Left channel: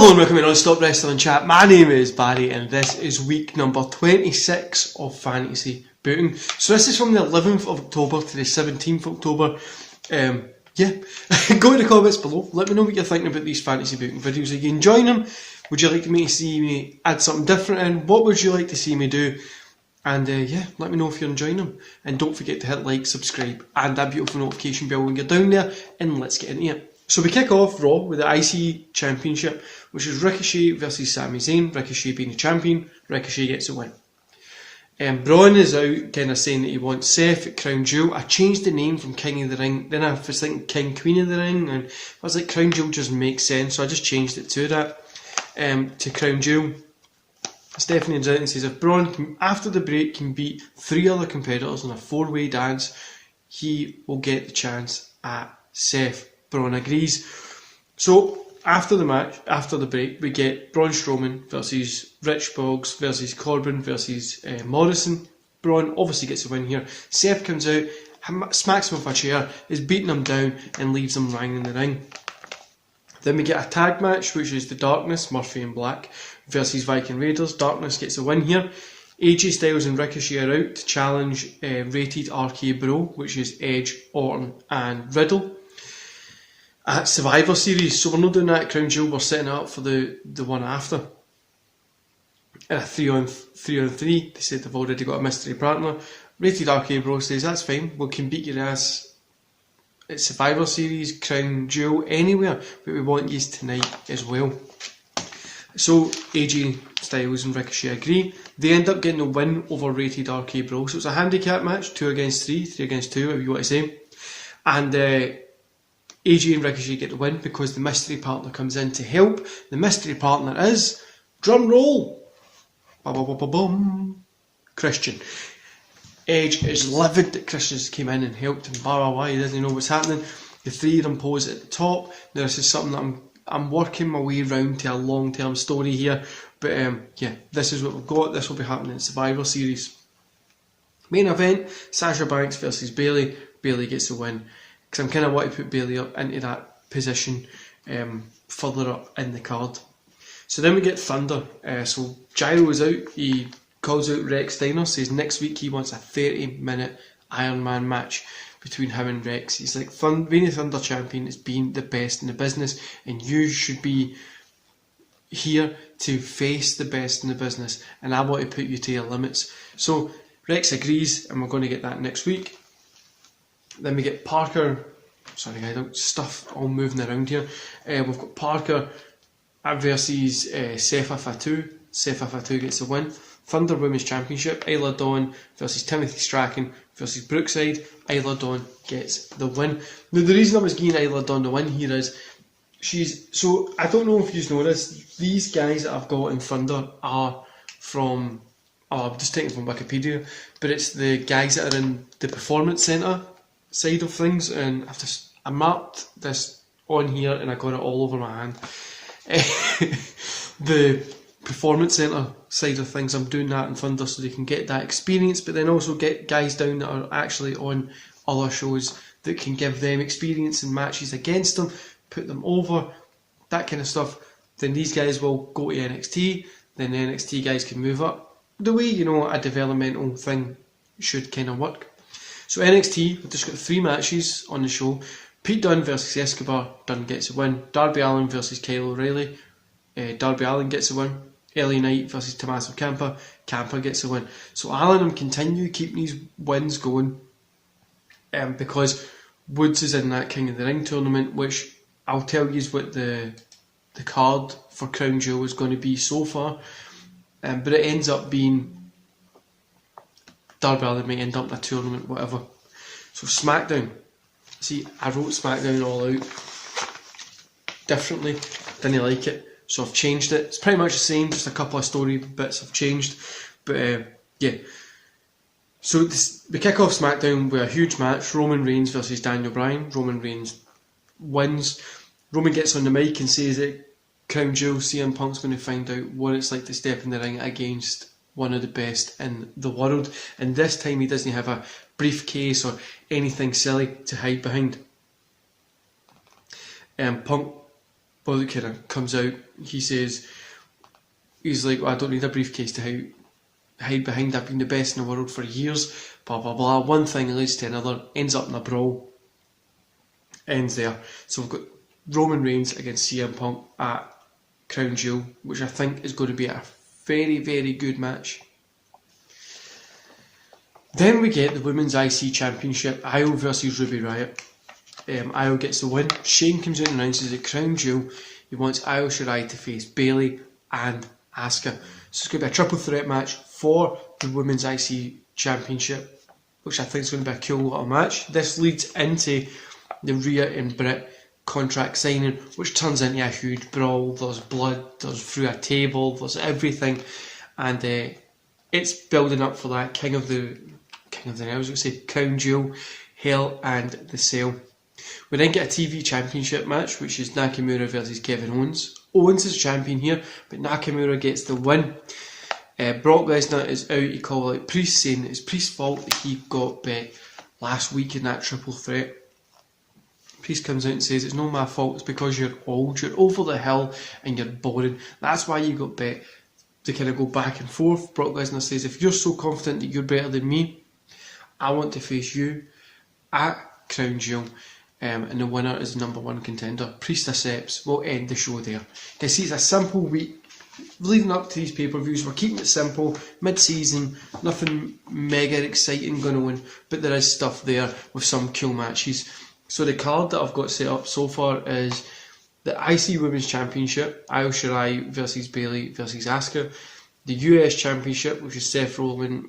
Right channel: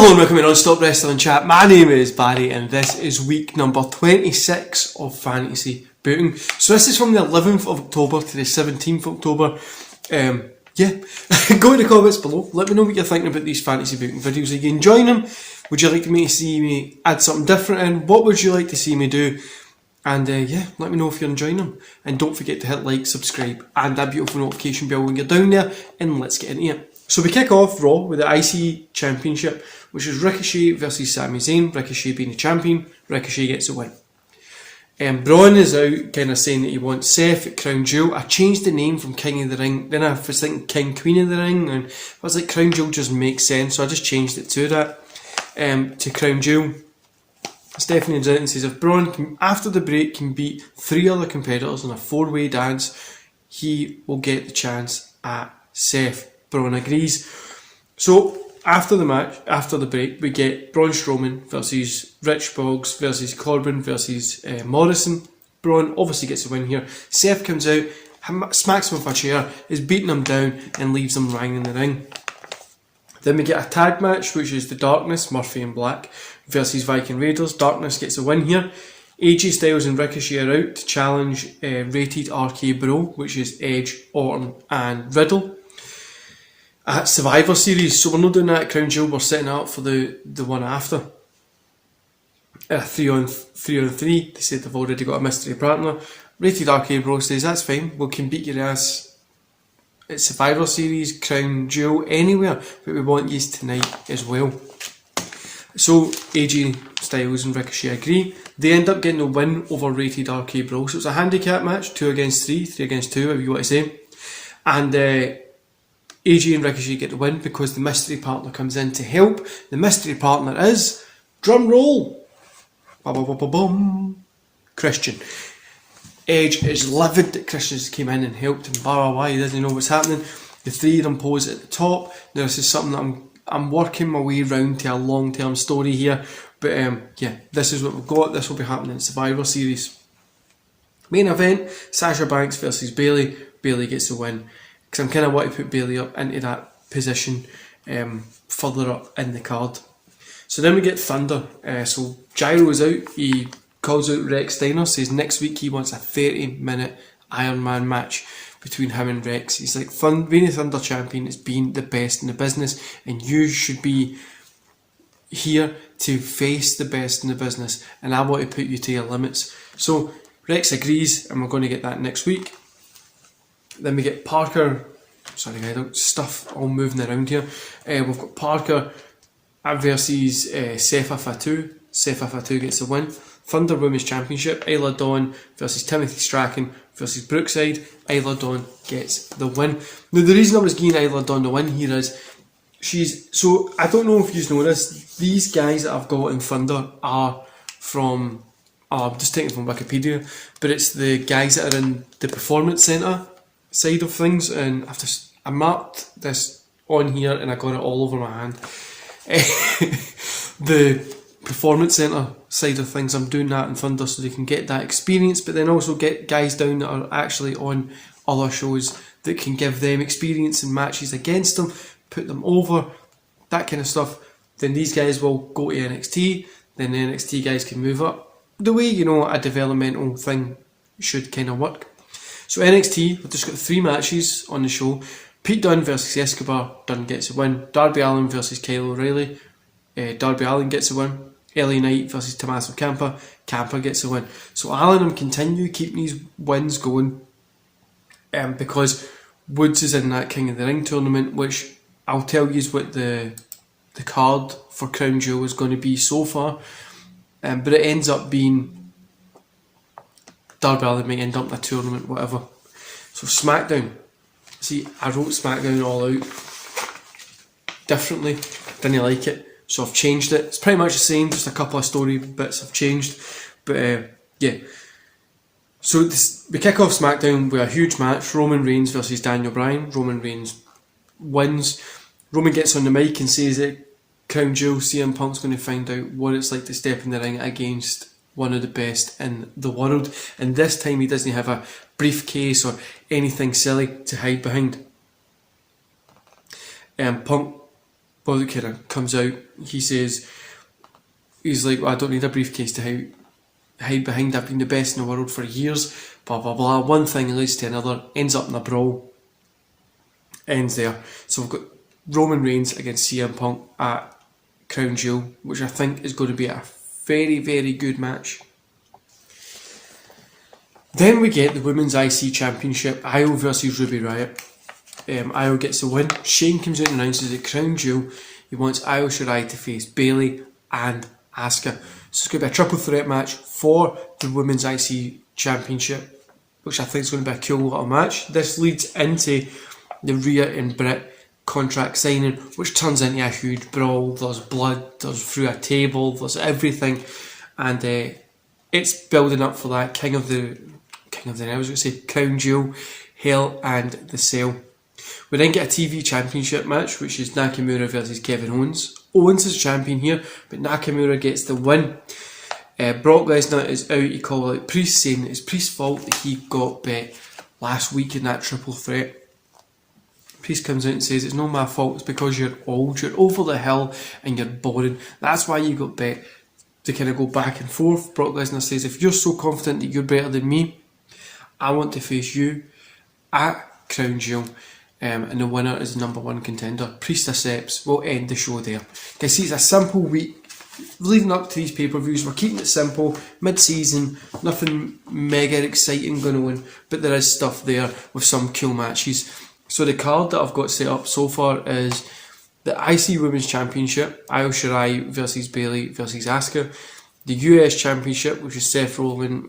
Hello and welcome to Non-Stop Wrestling Chat. My name is Barry and this is week number 26 of Fantasy Booking. So this is from the 11th of October to the 17th of October. Go in the comments below. Let me know what you're thinking about these Fantasy Booking videos. Are you enjoying them? Would you like to see me add something different in? What would you like to see me do? And let me know if you're enjoying them. And don't forget to hit like, subscribe and that beautiful notification bell when you're down there. And let's get into it. So we kick off Raw with the IC Championship, which is Ricochet versus Sami Zayn. Ricochet being the champion, Ricochet gets the win. Braun is out kind of saying that he wants Seth at Crown Jewel. I changed the name from King of the Ring, then I was thinking King Queen of the Ring, and I was like Crown Jewel just makes sense, so I just changed it to that, to Crown Jewel. Stephanie Jones says if Braun, after the break, can beat 3 other competitors in a 4-way dance, he will get the chance at Seth. Braun agrees. So after the match, after the break, we get Braun Strowman versus Rich Boggs versus Corbin versus Morrison. Braun obviously gets the win here. Seth comes out, smacks him with a chair, is beating him down and leaves him lying in the ring. Then we get a tag match, which is the Darkness, Murphy and Black, versus Viking Raiders. Darkness gets a win here. AJ Styles and Ricochet are out to challenge Rated RK Bro, which is Edge, Orton and Riddle. At Survivor Series, so we're not doing that at Crown Jewel, we're setting up for the one after. 3 on 3, they said they've already got a mystery partner. Rated RK Bro says that's fine, we can beat your ass at Survivor Series, Crown Jewel, anywhere, but we want yous tonight as well. So AJ Styles and Ricochet agree. They end up getting a win over Rated RK Bro, so it's a handicap match, 2 against 3, 3 against 2, if you want to say. And AJ and Ricochet get the win because the mystery partner comes in to help. The mystery partner is, drum roll, Christian. Edge is livid that Christian's came in and helped him, he doesn't know what's happening. The 3 of them pose at the top. Now this is something that I'm working my way around to a long-term story here, but this is what we've got. This will be happening in Survivor Series. Main event, Sasha Banks versus Bayley. Bayley gets the win. Because I'm kind of wanting to put Bayley up into that position further up in the card. So then we get Thunder. So Gyro is out. He calls out Rex Steiner. Says next week he wants a 30-minute Iron Man match between him and Rex. He's like, being a Thunder champion is being the best in the business, and you should be here to face the best in the business, and I want to put you to your limits. So Rex agrees, and we're going to get that next week. Then we get Parker, stuff all moving around here. We've got Parker versus Sefa Fatu. Sefa Fatu gets the win. Thunder Women's Championship, Isla Dawn versus Timothy Strachan versus Brookside. Isla Dawn gets the win. Now the reason I was giving Isla Dawn the win here is, so I don't know if you know this, these guys that I've got in Thunder are from, I'm just taking it from Wikipedia, but it's the guys that are in the Performance Centre side of things, and I marked this on here and I got it all over my hand. The Performance Centre side of things, I'm doing that in Thunder so they can get that experience, but then also get guys down that are actually on other shows that can give them experience in matches against them, put them over, that kind of stuff. Then these guys will go to NXT, then the NXT guys can move up the way, a developmental thing should kind of work. So NXT, we've just got 3 matches on the show. Pete Dunne versus Escobar, Dunne gets a win. Darby Allin versus Kyle O'Reilly, Darby Allin gets a win. LA Knight versus Tommaso Ciampa, Ciampa gets a win. So Allin will continue keeping these wins going, because Woods is in that King of the Ring tournament, which I'll tell you is what the card for Crown Jewel is going to be so far. But it ends up being Darby Allin may end up in a tournament, whatever. So SmackDown. See, I wrote SmackDown all out differently. Didn't like it, so I've changed it. It's pretty much the same, just a couple of story bits I've changed. But So we kick off SmackDown with a huge match. Roman Reigns versus Daniel Bryan. Roman Reigns wins. Roman gets on the mic and says that Crown Jewel, CM Punk's going to find out what it's like to step in the ring against one of the best in the world, and this time he doesn't have a briefcase or anything silly to hide behind. Punk well, it kind of comes out. He says, he's like, well, I don't need a briefcase to hide behind. I've been the best in the world for years. Blah blah blah. One thing leads to another. Ends up in a brawl. Ends there. So we've got Roman Reigns against CM Punk at Crown Jewel, which I think is going to be a very, very good match. Then we get the Women's IC Championship, Io versus Ruby Riott. Io gets the win. Shane comes out and announces at Crown Jewel he wants Io Shirai to face Bayley and Asuka. So it's going to be a triple threat match for the Women's IC Championship, which I think is going to be a cool little match. This leads into the Rhea and Britt contract signing, which turns into a huge brawl. There's blood, there's through a table, there's everything, and it's building up for that King of the I was going to say Crown Jewel, Hell and the Cell. We then get a TV Championship match, which is Nakamura versus Kevin Owens. Owens is champion here, but Nakamura gets the win. Brock Lesnar is out. He called out Priest, saying it's Priest's fault that he got bet last week in that triple threat. Priest comes out and says it's not my fault, it's because you're old, you're over the hill and you're boring. That's why you got bet. To kind of go back and forth, Brock Lesnar says, if you're so confident that you're better than me, I want to face you at Crown Jewel, and the winner is the #1 contender. Priest accepts. We'll end the show there. Guys, see, it's a simple week leading up to these pay-per-views. We're keeping it simple, mid-season, nothing mega exciting going on, but there is stuff there with some cool matches. So the card that I've got set up so far is the IC Women's Championship, Io Shirai versus Bayley versus Asuka. The US Championship, which is Seth Rollins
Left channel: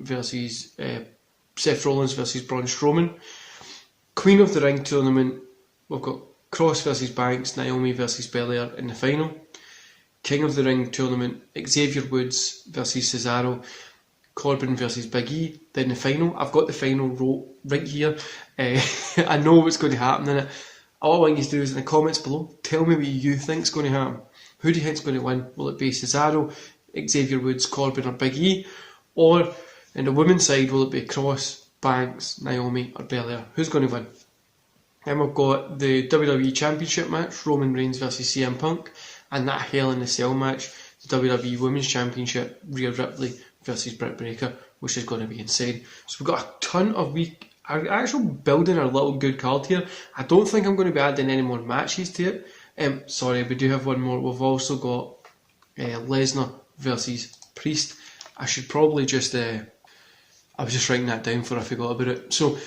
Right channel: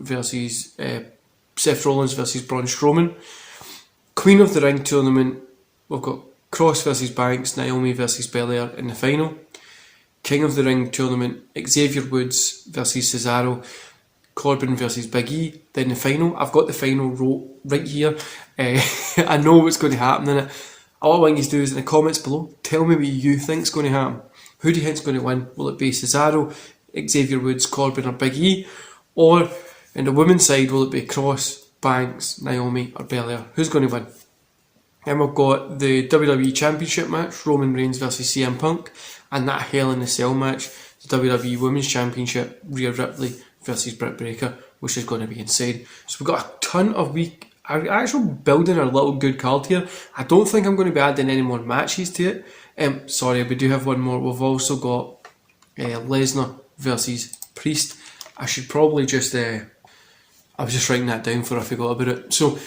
versus Braun Strowman. Queen of the Ring tournament, we've got Cross versus Banks, Naomi versus Belair in the final. King of the Ring tournament, Xavier Woods versus Cesaro, Corbin versus Big E. Then the final, I've got the final wrote right here. I know what's going to happen in it. All I want you to do is in the comments below, tell me what you think is going to happen. Who do you think is going to win? Will it be Cesaro, Xavier Woods, Corbin or Big E? Or in the women's side, will it be Cross, Banks, Naomi or Belair? Who's going to win? Then we've got the WWE Championship match, Roman Reigns versus CM Punk, and that Hell in the Cell match, the WWE Women's Championship, Rhea Ripley versus Britt Baker, which is going to be insane. So we've got a ton of actually building our little good card here. I don't think I'm going to be adding any more matches to it. Sorry, we do have one more. We've also got Lesnar versus Priest. I should probably just I was just writing that down for I forgot about it. So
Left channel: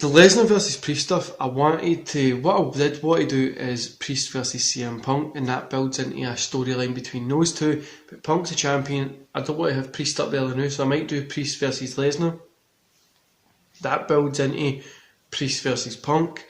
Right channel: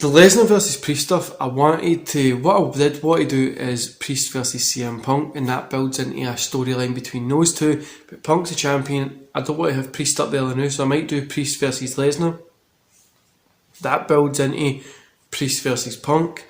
the Lesnar versus Priest stuff, what I did want to do is Priest versus CM Punk, and that builds into a storyline between those two. But Punk's a champion. I don't want to have Priest up there now, so I might do Priest versus Lesnar. That builds into Priest versus Punk,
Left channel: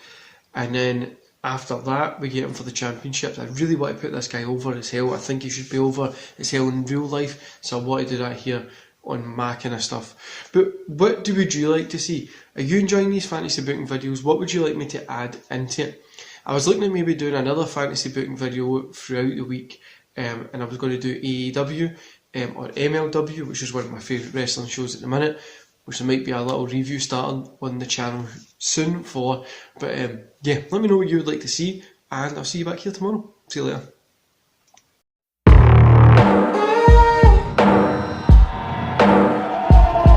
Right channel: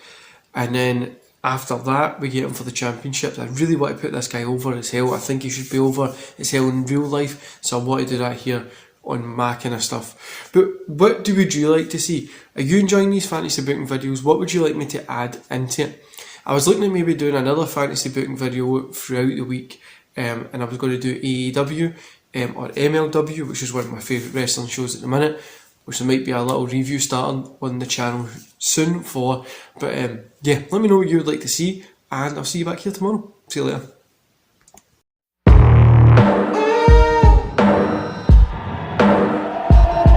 and then after that we get him for the championships. I really want to put this guy over as hell. I think he should be over as hell in real life, so I want to do that here on my kind of stuff. But what would you like to see? Are you enjoying these fantasy booking videos? What would you like me to add into it? I was looking at maybe doing another fantasy booking video throughout the week, and I was going to do AEW or MLW, which is one of my favourite wrestling shows at the minute, which there might be a little review starting on the channel soon for. But yeah, let me know what you would like to see, and I'll see you back here tomorrow. See you later.